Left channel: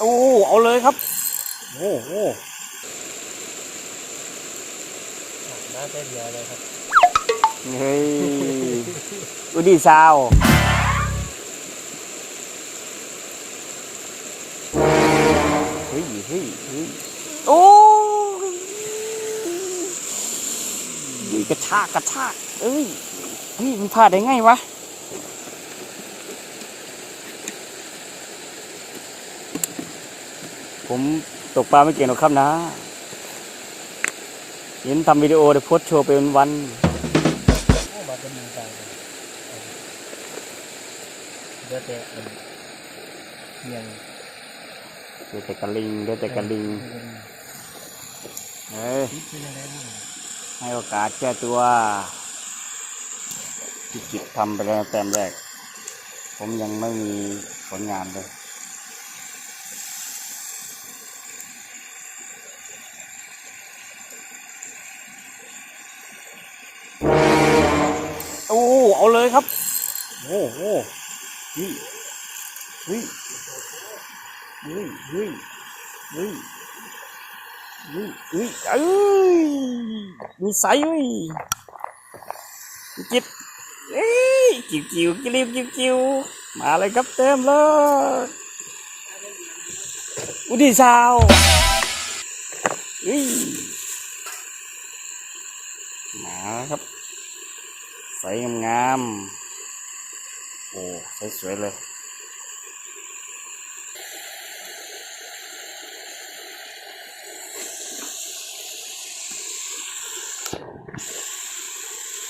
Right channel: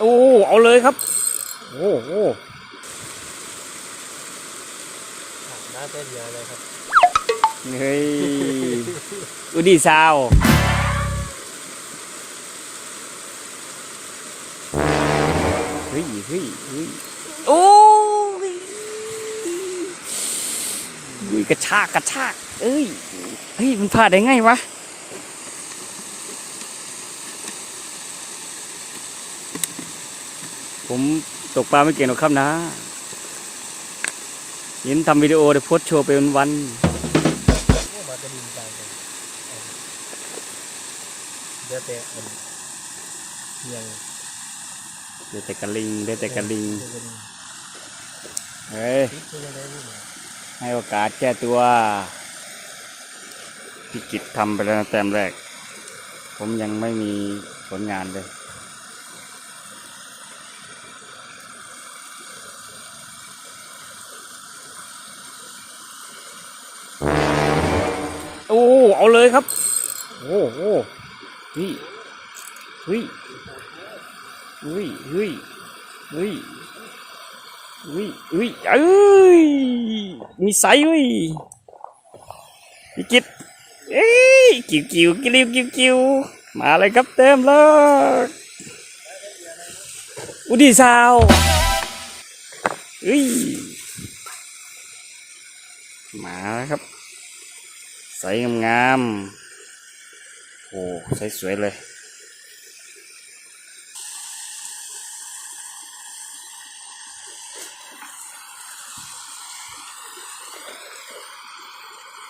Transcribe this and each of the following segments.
โอ้เอาเลยครับ โอ้โหน่าเต้นเยอะเลยครับเฮ้ยอุดีซาวเฮ้ยเฮ้ยเฮ้ยโอ้ยเฮ้ยกระชากกระชาก เอ้ยเฮ้ยมันพลาดได้ไงวะ ผมตกปลาไม่เก่งหรอกครับนะ เห็นทำวิดีโอเดี๋ยวโพสต์โชว์ไปวัน โอ้มาจะมีใจเลยเดี๋ยวแต่อันเมียงๆเดี๋ยวแต่กระลิงเดี๋ยวแต่กระลิง เฮ้ย ปิดเป็นยังไงนี่ให้โอกาสแก้ตัวพี่กิจทำไปแล้วแต้มแรก ผมยังไม่มีผลงานเลย เอาเลยครับ โอ้โหเฮ้ยเฮ้ยเฮ้ยเฮ้ยเฮ้ยเฮ้ยเฮ้ยเอ้ยมีไซส์เว้ยพี่กิตเอ้ยกิวกิวกิวกิวกิวมาเลยครับเต็มเลยอุดีสาวเอ้ยมาแล้วครับ ใสงามโอ้ใสสวยๆเลย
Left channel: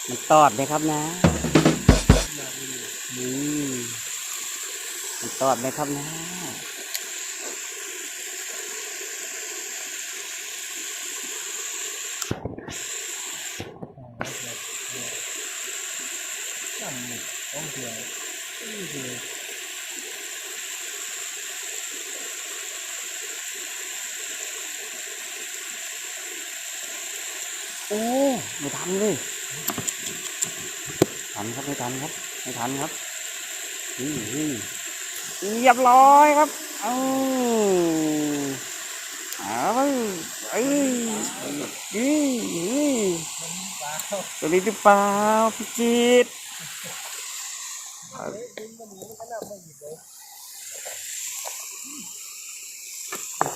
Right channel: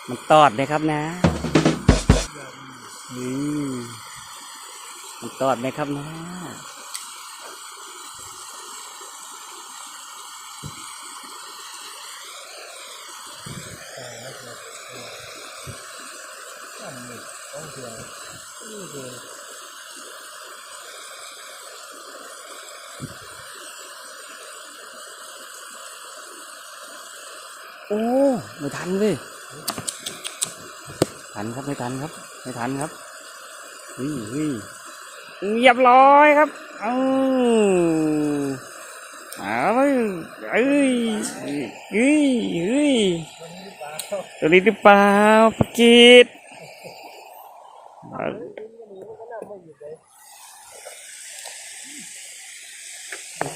มันตอดนะครับนะอืมมันตอดนะครับนะ ทำหมึกต้องเทียนนี่คือโอ้ไม่ทันเลยทันครับไม่ทันครับไม่ทันครับอืมอืมเรียบร้อยครับอาเอาเลยเอ้ยเอ้ยเอ้ยตัวนี้หรือเปล่าปกีด makan.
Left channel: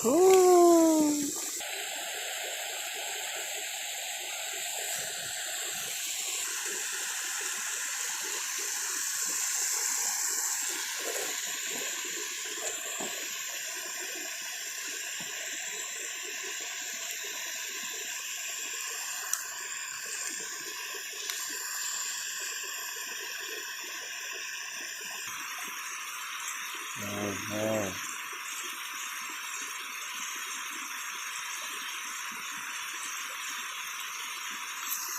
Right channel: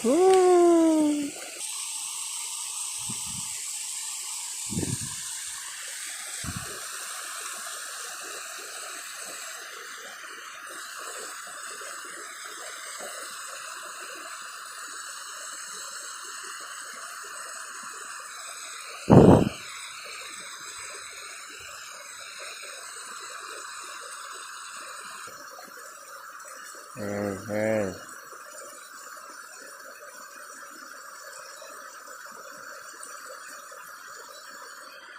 Hmm. เฮ้ยเฮ้ย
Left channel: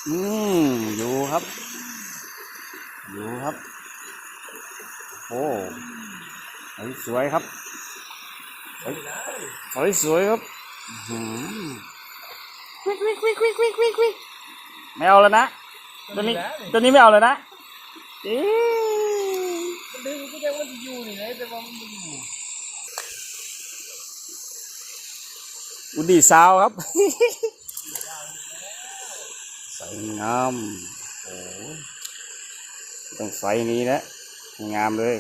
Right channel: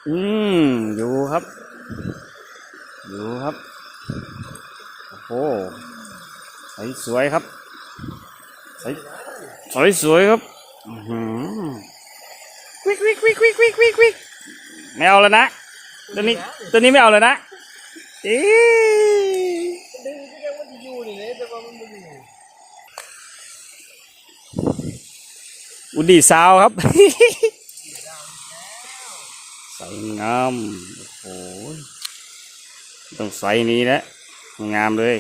อืมอยู่ครับ อยู่ครับ โอ้โหสวยสวยครับ สวยสวยสวยครับอื้อหือวิกวิกวิกวิกวิกวิกวิกไม่เอาแล้วนะ ตัวนี้ ตัวนี้ไม่เอาเลยนะอ๊ อุดีสาวครับ สวยงาม โอ้โหต้องใส่นี้นะ งามเลย